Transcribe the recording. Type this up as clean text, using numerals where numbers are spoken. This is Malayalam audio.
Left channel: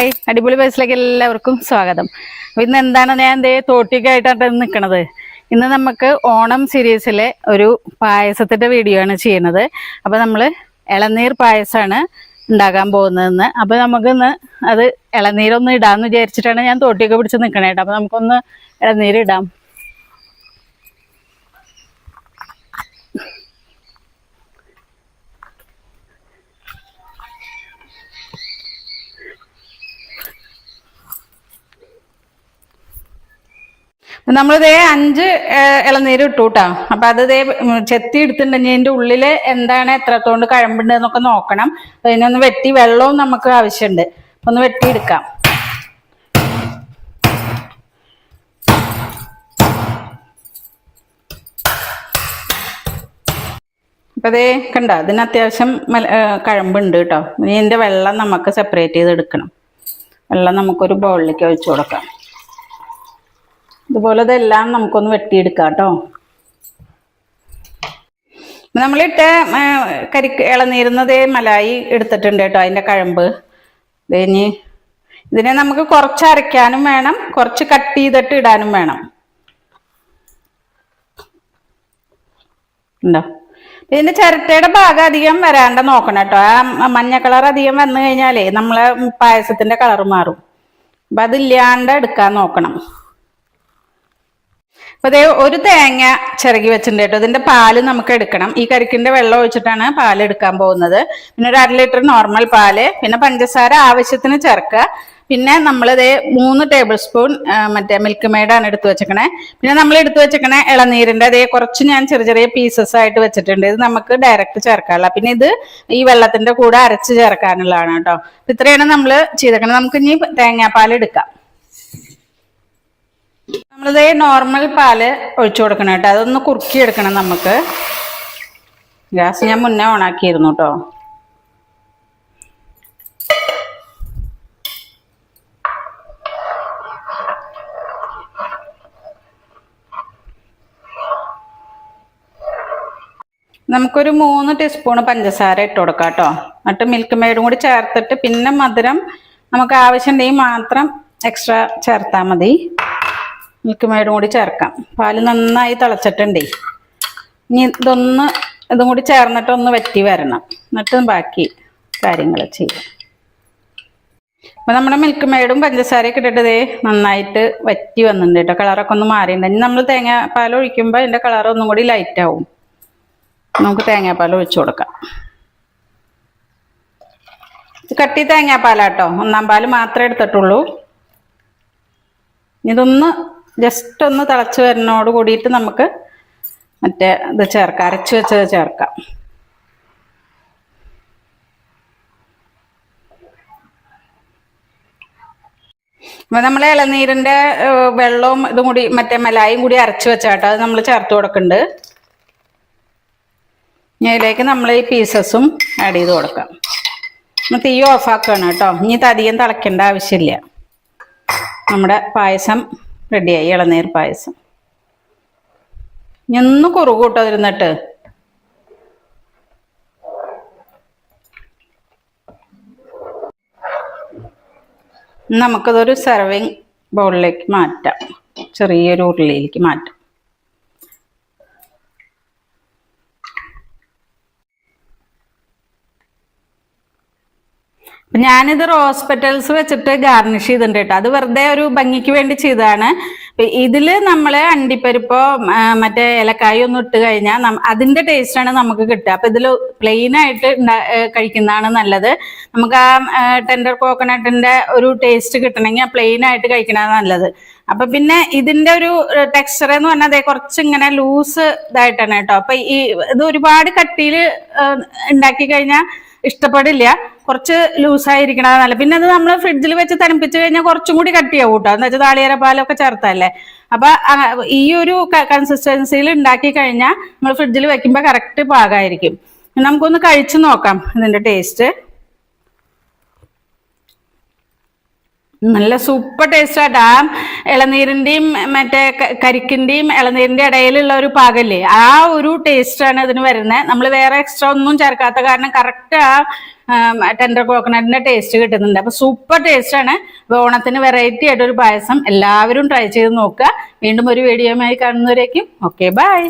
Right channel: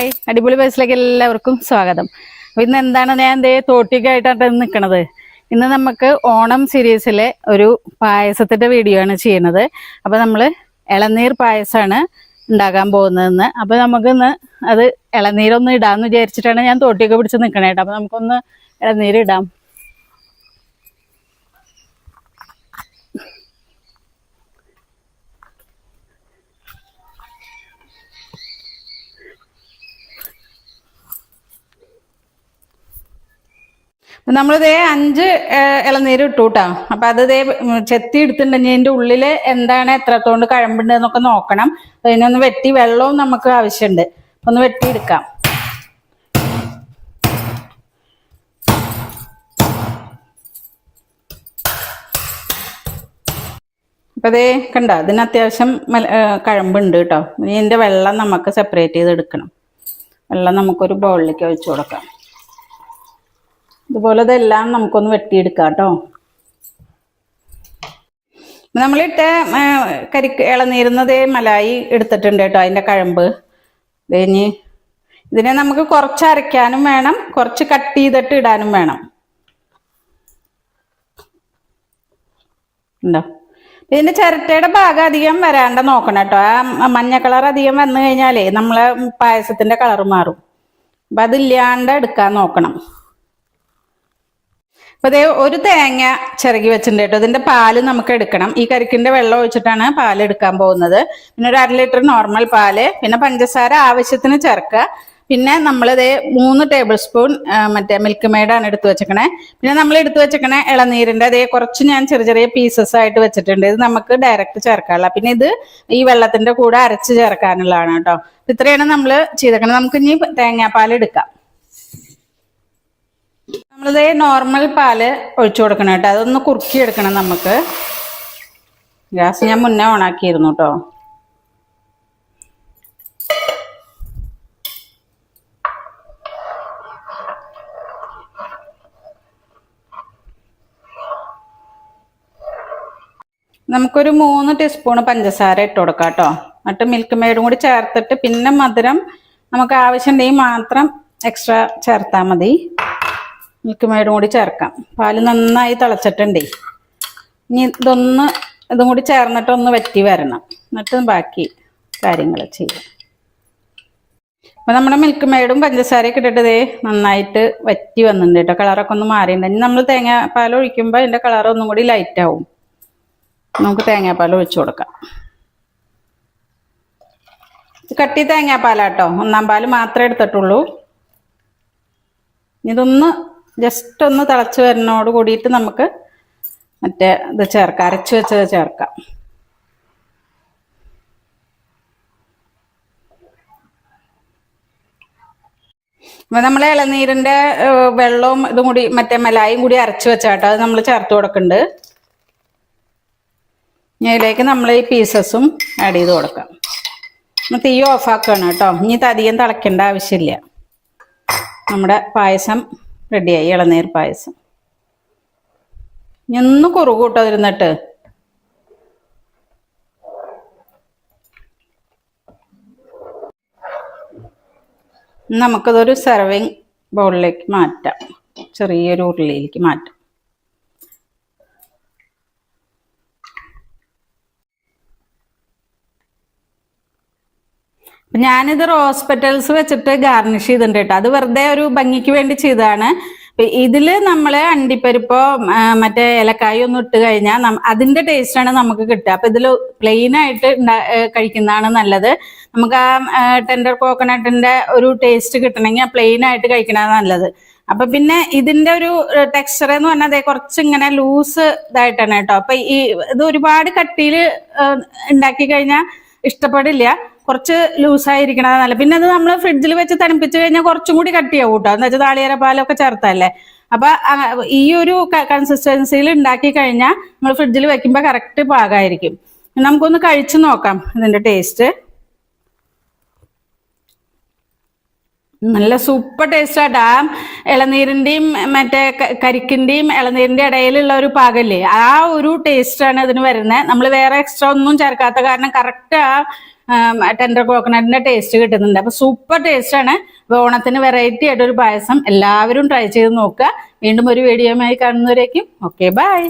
ഹായ്, അടിപൊളി ബസ്സിലേക്ക് എല്ലാവർക്കും സ്വാഗതം. അപ്പൊ ഇന്ന് എന്താണ് ഞാൻ തോട്ടിക്കായിട്ടാണ് നിൽക്കുന്നത്. ഇന്ന് നമുക്ക് ഓണം സീരീസിലെ ഒരു പായസത്തിന്റെ വീഡിയോ ആണ് ചെയ്യുന്നത്. അപ്പൊ നമ്മള് ഇളനീർ പായസമാണ് ഉണ്ടാക്കാൻ പോകുന്നതെന്ന്. അപ്പൊ നമുക്കിന്ന് അത് ഇളനീരൊന്നും ഇടാന്ന് വിചാരിച്ചിട്ടാണ് ഞാൻ തോട്ടിയൊക്കെ പിടിച്ച് നിൽക്കണേട്ടോ. അപ്പൊ നമുക്കൊന്ന് ഇളനീര് ഇടാം. നമ്മളിതേ 5 ഇളനീര് ഇട്ടു കേട്ടോ. അപ്പൊ അത് ചെത്തി എടുത്തിട്ടുണ്ടെങ്കിൽ അതിന്റെ ഉള്ളില് എന്താണ് എത്രത്തോണ്ട് കഴമ്പുണ്ട് എന്നൊക്കെ നോക്കണം. അതിനൊന്ന് വെട്ടി വെള്ളവും നമുക്ക് ആവശ്യമുണ്ട്. ഒന്ന് വെട്ടിയെടുക്കാം. അപ്പൊ അതേ കണ്ട, ഇതിന് അത്യാവശ്യം കഴമ്പുണ്ട് കേട്ടോ. ഇതിന്റെ വെള്ളം നമുക്ക് സെപ്പറേറ്റ് ചെയ്ത് എടുക്കണം. വെള്ളം നമുക്കൊരു ബൗളിലേക്ക് ഒഴിച്ചു കൊടുക്കാം. ഇതുപോലെ ഇതെല്ലാം നമുക്കൊന്ന് വെട്ടിയെടുക്കാം കേട്ടോ. നമ്മളിട്ട് ഇളനീരുന്നതേ മലായി എടുത്തിട്ടുണ്ട് കേട്ടോ. അതിന്റെ കഴമ്പ് ഇനി ഇതിനെ നമുക്ക് കുറച്ച് അരയ്ക്കാനും വേണം, കുറച്ച് കട്ട് ചെയ്തിട്ട് ഇടാനും വേണം. ഉണ്ടോ? ഇതിന്റെ ചിരട്ടയുടെ ഭാഗം അധികം വരാണ്ട് നോക്കണം കേട്ടോ. ആ മഞ്ഞ കളർ അധികം വന്നു കഴിഞ്ഞാലേ നമ്മളെ പായസത്തിന്റെ കളർ മാറും. അപ്പൊ അതില്ലാണ്ട് എടുക്കാൻ നോക്കണം. അപ്പൊ അതേ ഒരു തേങ്ങ ചിരകി വെച്ചിട്ടുണ്ട് കേട്ടോ. ഇതിന്റെ പാല് നമുക്ക് എടുക്കണം. ഈ കരിക്കിന്റെ വെള്ളം ഒഴിച്ചിട്ടാണ് പാല് എടുക്കാൻ പോകുന്നത്. പിന്നെ ഒരു 1/2 ലിറ്റർ നോർമൽ പാല്, പിന്നെ പഞ്ചസാര ആവശ്യത്തിന് ചേർക്കുക. പിന്നെ നമ്മളിതേ 3 ടേബിൾ സ്പൂൺ മറ്റേ മിൽക്ക് മെയ്ഡാണ് എടുത്തു വെച്ചേക്കണേ. പിന്നെ നമ്മൾ എടുത്തു വെച്ചേക്കണേ ഇളനീരിന്റെ അതേ കുറച്ച് ഞാൻ ചെറിയ ചെറിയ പീസസ് ആയിട്ട് വെച്ചിട്ടുണ്ട്. ഇത് നമുക്ക് ഡയറക്റ്റ് ചേർക്കാനുള്ള. പിന്നെ ഇത് ഈ വെള്ളത്തിന്റെ കൂടെ അരച്ച് ചേർക്കാനുള്ളതാണ് കേട്ടോ. ഇത്രയാണ് നമ്മൾ ചെയ്തേക്കണത്. നമുക്ക് ഇനി തേങ്ങാപ്പാൽ എടുക്കാം. നമ്മളിതേ നോർമൽ പാല് ഒഴിച്ചു കൊടുക്കണം കേട്ടോ. അതൊന്ന് കുറുക്കി എടുക്കണം നമുക്ക്. ഗ്യാസ് ഞാൻ മുന്നേ ഓണാക്കിയിരുന്നു കേട്ടോ. നമുക്കൊരു 3 ടീസ്പൂൺ പഞ്ചസാര ഇട്ട് കൊടുക്കാം കേട്ടോ. എന്നിട്ട് മിൽക്ക് മെയ്ഡും കൂടി ചേർത്തിട്ട് പിന്നെ മധുരം നമുക്ക് ആവശ്യമുണ്ടെങ്കിൽ മാത്രം എക്സ്ട്രാ ചേർത്താൽ മതി. മിൽക്ക് മെയ്ഡും കൂടി ചേർക്കാം. പാല് നന്നായി തിളച്ചിട്ടുണ്ടേ. ഇനി ഇതും കൂടി ചേർന്നിട്ട് ഒന്ന് വറ്റി വരണം. എന്നിട്ട് ബാക്കി കാര്യങ്ങൾ ചെയ്യാം. അപ്പൊ നമ്മുടെ മിൽക്ക് മെയ്ഡും പഞ്ചസാരയൊക്കെ ഇട്ടിട്ട് നന്നായിട്ട് വറ്റി വന്നിട്ടുണ്ട് കേട്ടോ. കളറൊക്കെ ഒന്ന് മാറിയിട്ടുണ്ട്. ഇനി നമ്മൾ തേങ്ങാപ്പാൽ ഒഴിക്കുമ്പോൾ അതിന്റെ കളർ ഒന്നും കൂടി ലൈറ്റ് ആവും. നമുക്ക് തേങ്ങാപ്പാൽ ഒഴിച്ചു കൊടുക്കാം. കട്ടി തേങ്ങാപ്പാലാട്ടോ. 1-ാം പാല് മാത്രമേ എടുത്തിട്ടുള്ളൂ. ഇതൊന്ന് ജസ്റ്റ് ഒന്ന് തിളച്ച് വരുന്നതോട് കൂടിയിട്ട് നമുക്ക് മറ്റേ ഇത് ചേർക്കാം, അരച്ച് വെച്ചത് ചേർക്കാം. അപ്പൊ നമ്മളെ ഇളനീരിന്റെ വെള്ളവും ഇതും കൂടി മറ്റേ മലായും കൂടി അരച്ച് വെച്ചാട്ടോ അത് നമ്മൾ ചേർത്ത് കൊടുക്കുന്നുണ്ട്. ഇതിലേക്ക് നമ്മൾ ഈ പീസസും ആഡ് ചെയ്ത് കൊടുക്കാം. തീ ഓഫാക്കുകയാണ് കേട്ടോ. ഇനി ഇത് അധികം തിളയ്ക്കേണ്ട ആവശ്യമില്ല. നമ്മുടെ പായസം റെഡിയായി, ഇളനീർ പായസം. ഇനി ഒന്ന് കുറുകൂട്ടോ ഇരുന്നിട്ട്. നമുക്കതൊരു സെർവിങ് ബൗളിലേക്ക് മാറ്റാം. ചെറിയൊരു ഉരുളിയിലേക്ക് മാറ്റാം. ഞാനിത് റോസ് പെറ്റൽസ് വെച്ചിട്ട് ഗാർണിഷ് ചെയ്തിട്ടുണ്ട് കേട്ടോ. അത് വെറുതെ ഒരു ഭംഗിക്ക് വേണ്ടി ചെയ്തതാണ്. ഇതില് നമ്മള് അണ്ടിപ്പരിപ്പോ മറ്റേ ഏലക്കായ ഒന്നും ഇട്ട് കഴിഞ്ഞാൽ അതിന്റെ ടേസ്റ്റാണ് നമുക്ക് കിട്ടുക. അപ്പൊ ഇതിൽ പ്ലെയിൻ ആയിട്ട് കഴിക്കുന്നതാണ് നല്ലത്. നമുക്ക് ആ ടെൻഡർ കോക്കനട്ടിന്റെ ഒരു ടേസ്റ്റ് കിട്ടണമെങ്കിൽ പ്ലെയിൻ ആയിട്ട് കഴിക്കണതാണ് നല്ലത്. അപ്പൊ പിന്നെ ഇതിന്റെ ഒരു ടെക്സ്ചർ എന്ന് പറഞ്ഞാൽ കുറച്ച് ഇങ്ങനെ ലൂസ് ഇതായിട്ടാണ് കേട്ടോ. അപ്പൊ ഇത് ഒരുപാട് കട്ടിയില് ഉണ്ടാക്കി കഴിഞ്ഞാൽ ഇഷ്ടപ്പെടില്ല. കുറച്ച് ലൂസായിരിക്കണത് നല്ല. പിന്നെ അത് നമ്മൾ ഫ്രിഡ്ജിൽ വെച്ച് തണുപ്പിച്ച് കഴിഞ്ഞാൽ കുറച്ചും കൂടി കട്ടിയാവും കേട്ടോ. എന്ന് വെച്ചാൽ നാളികേര പാലൊക്കെ ചേർത്തല്ലേ. അപ്പൊ ഈ ഒരു കൺസിസ്റ്റൻസിയിൽ ഉണ്ടാക്കി കഴിഞ്ഞാൽ നമ്മൾ ഫ്രിഡ്ജിൽ വെക്കുമ്പോൾ കറക്റ്റ് പാകമായിരിക്കും. നമുക്കൊന്ന് കഴിച്ചു നോക്കാം ഇതിന്റെ ടേസ്റ്റ്. നല്ല സൂപ്പർ ടേസ്റ്റ് ആയിട്ട്. ആ ഇളനീരിന്റെയും മറ്റേ കരിക്കിന്റെയും ഇളനീരിന്റെ ഇടയിലുള്ള ഒരു പാകല്ലേ, ആ ഒരു ടേസ്റ്റ് ആണ് ഇതിന് വരുന്നത്. നമ്മൾ വേറെ എക്സ്ട്രാ ഒന്നും ചേർക്കാത്ത കാരണം കറക്റ്റ് ആ ടെൻഡർ കോക്കനട്ടിന്റെ ടേസ്റ്റ് കിട്ടുന്നുണ്ട്. അപ്പൊ സൂപ്പർ ടേസ്റ്റ് ആണ്. ഓണത്തിന് വെറൈറ്റി ആയിട്ടൊരു പായസം എല്ലാവരും ട്രൈ ചെയ്ത് നോക്കുക. വീണ്ടും ഒരു വീഡിയോയുമായി കാണുന്നവരേക്കും ഓക്കെ ബൈ.